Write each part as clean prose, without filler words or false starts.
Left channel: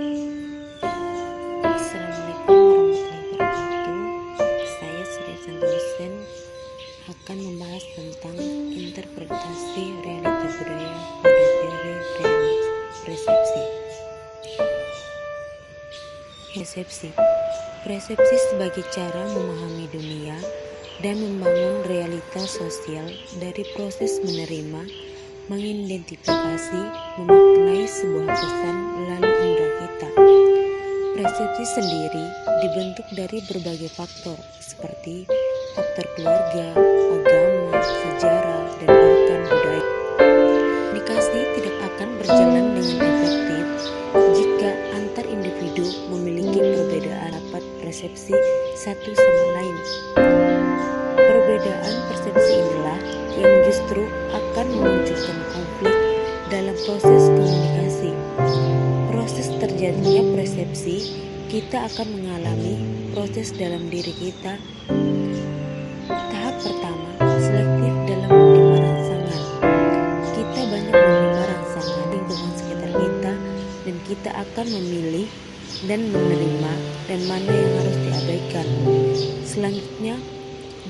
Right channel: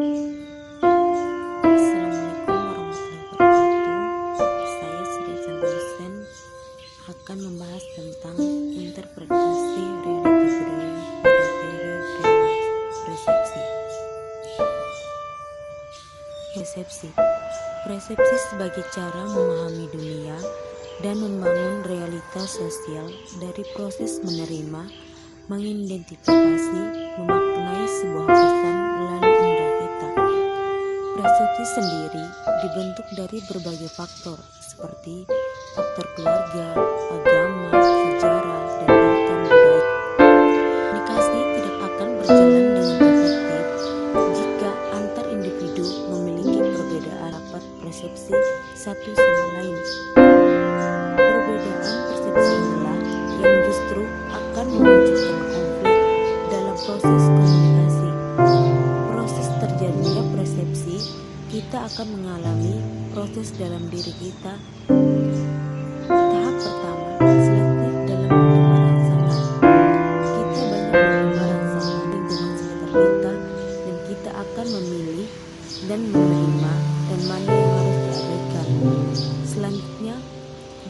Assalamualaikum warahmatullahi wabarakatuh. Saya Sri Santosen akan membahas tentang interpretasi realita budaya pada teori persepsi. Persepsi sebagai cara memahami dunia dan membangun realitas sosial dari proses menerima, mengidentifikasi, memaknai sebuah pesan melalui indera kita. Persepsi sendiri dibentuk dari berbagai faktor seperti faktor keluarga, agama, sejarah, dan bahkan budaya. Komunikasi tidak akan berjalan dengan efektif jika antar individu memiliki perbedaan dapat persepsi satu sama lain. Perbedaan persepsi inilah yang justru akan memunculkan konflik dalam proses komunikasi. Proses terjadinya persepsi, kita akan mengalami proses dalam diri kita. Tahap pertama, selektif dalam menerima rangsangan. Kita banyak menerima rangsangan lingkungan sekitar kita dan kita akan memilih dan menerima dan mana yang harus diabaikan. Selanjutnya,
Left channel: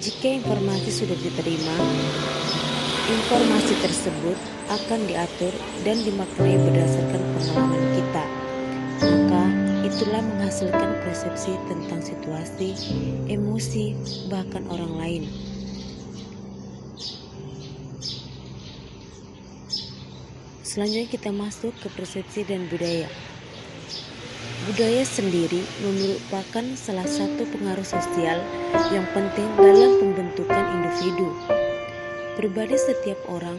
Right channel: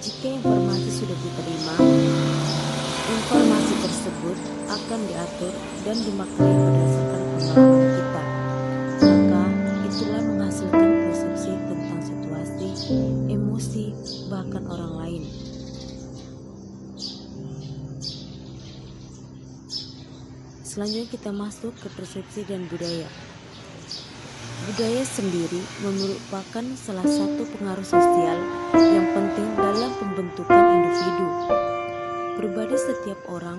jika informasi sudah diterima, informasi tersebut akan diatur dan dimaknai berdasarkan pengalaman kita. Maka itulah menghasilkan persepsi tentang situasi, emosi, bahkan orang lain. Selanjutnya kita masuk ke persepsi dan budaya. Budaya sendiri merupakan salah satu pengaruh sosial yang penting dalam pembentukan individu. Pribadi setiap orang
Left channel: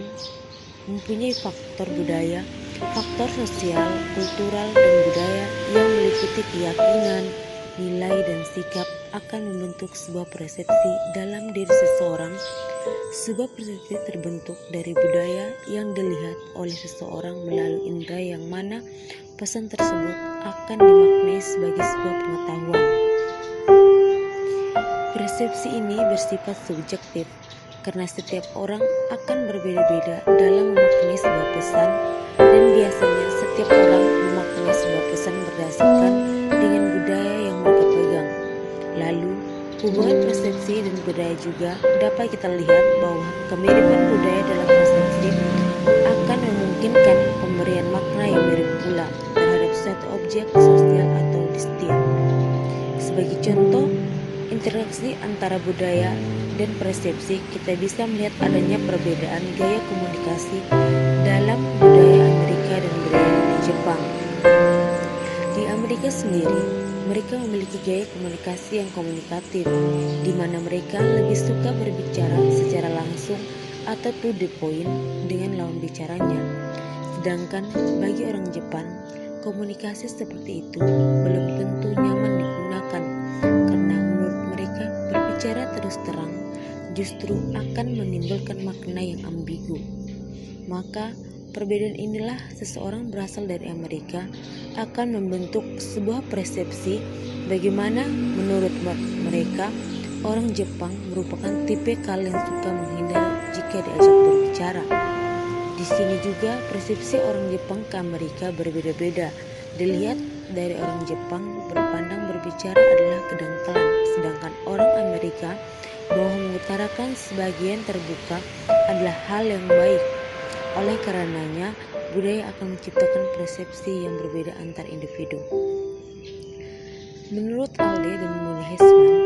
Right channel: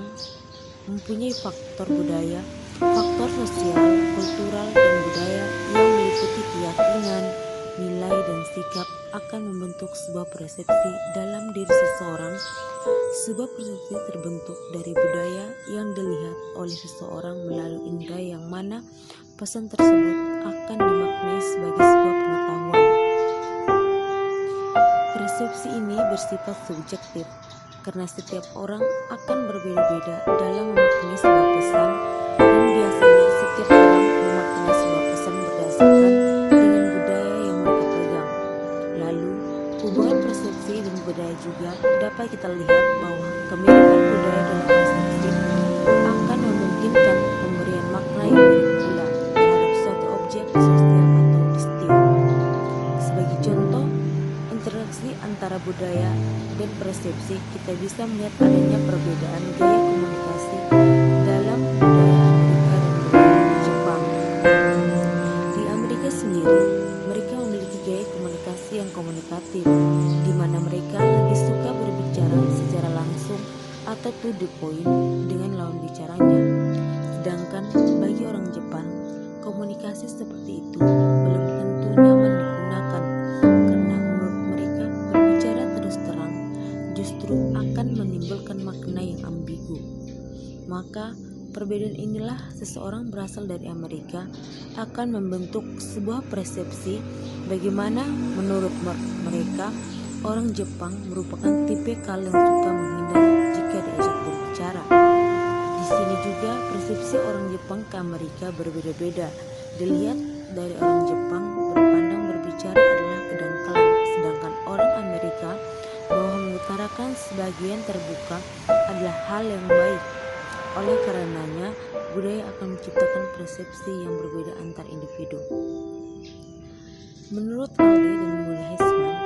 mempunyai faktor budaya, faktor sosial, kultural, dan budaya yang meliputi keyakinan, nilai, dan sikap akan membentuk sebuah persepsi dalam diri seseorang. Sebuah persepsi terbentuk dari budaya yang dilihat oleh seseorang melalui indera yang mana pesan tersebut akan dimaknai sebagai sebuah pengetahuan. Persepsi ini bersifat subjektif karena setiap orang akan berbeda-beda dalam memaknai sebuah pesan, dan biasanya setiap orang memaknai sebuah pesan berdasarkan dengan budaya yang mereka pegang. Lalu, hubungan persepsi dan budaya juga dapat kita lihat bahwa kemiripan budaya dalam persepsi akan memungkinkan pemberian makna yang mirip pula terhadap suatu objek sosial atau distil. Sebagai contoh, interaksi antara budaya dan persepsi, kita bisa melihat adanya perbedaan gaya komunikasi dalam budaya Amerika dan budaya di Jepang. Di Amerika sendiri, mereka memiliki gaya komunikasi yang komunikatif, di mana mereka lebih suka berbicara secara langsung atau to the point dengan lawan bicaranya. Sedangkan bagi orang Jepang, komunikasi seperti itu belum tentu nyaman digunakan karena menurut mereka berbicara terus terang justru akan menimbulkan makna yang ambigu. Maka perbedaan inilah seseorang berasal dari Amerika akan membentuk sebuah persepsi bagaimana menurut mereka orang Jepang merupakan tipikal yang suka menghindar jika diajak berbicara. Di sini juga persepsi orang Jepang ke Amerika berbeda-beda. Dilihat dari orang Jepang berpandang berbicara adalah kedangkalan, sedangkan orang Amerika bahwa mengutarakan sebagian terbuka adalah hal yang baik. Oleh karenanya, budaya akan menciptakan persepsi yang berbeda antar individu. Menurut Alde dan Muni Hesman,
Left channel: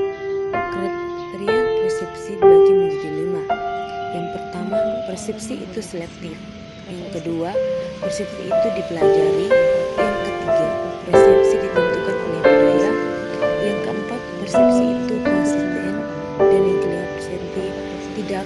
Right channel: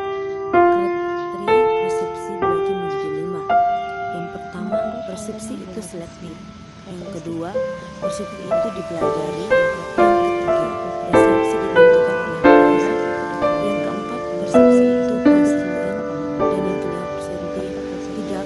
kriteria persepsi dibagi menjadi 5. Yang pertama, persepsi itu selektif. Yang kedua, persepsi itu dipelajari. Yang ketiga, persepsi ditentukan oleh budaya. Yang keempat, persepsi itu konsisten. Dan yang kelima, persepsi tidak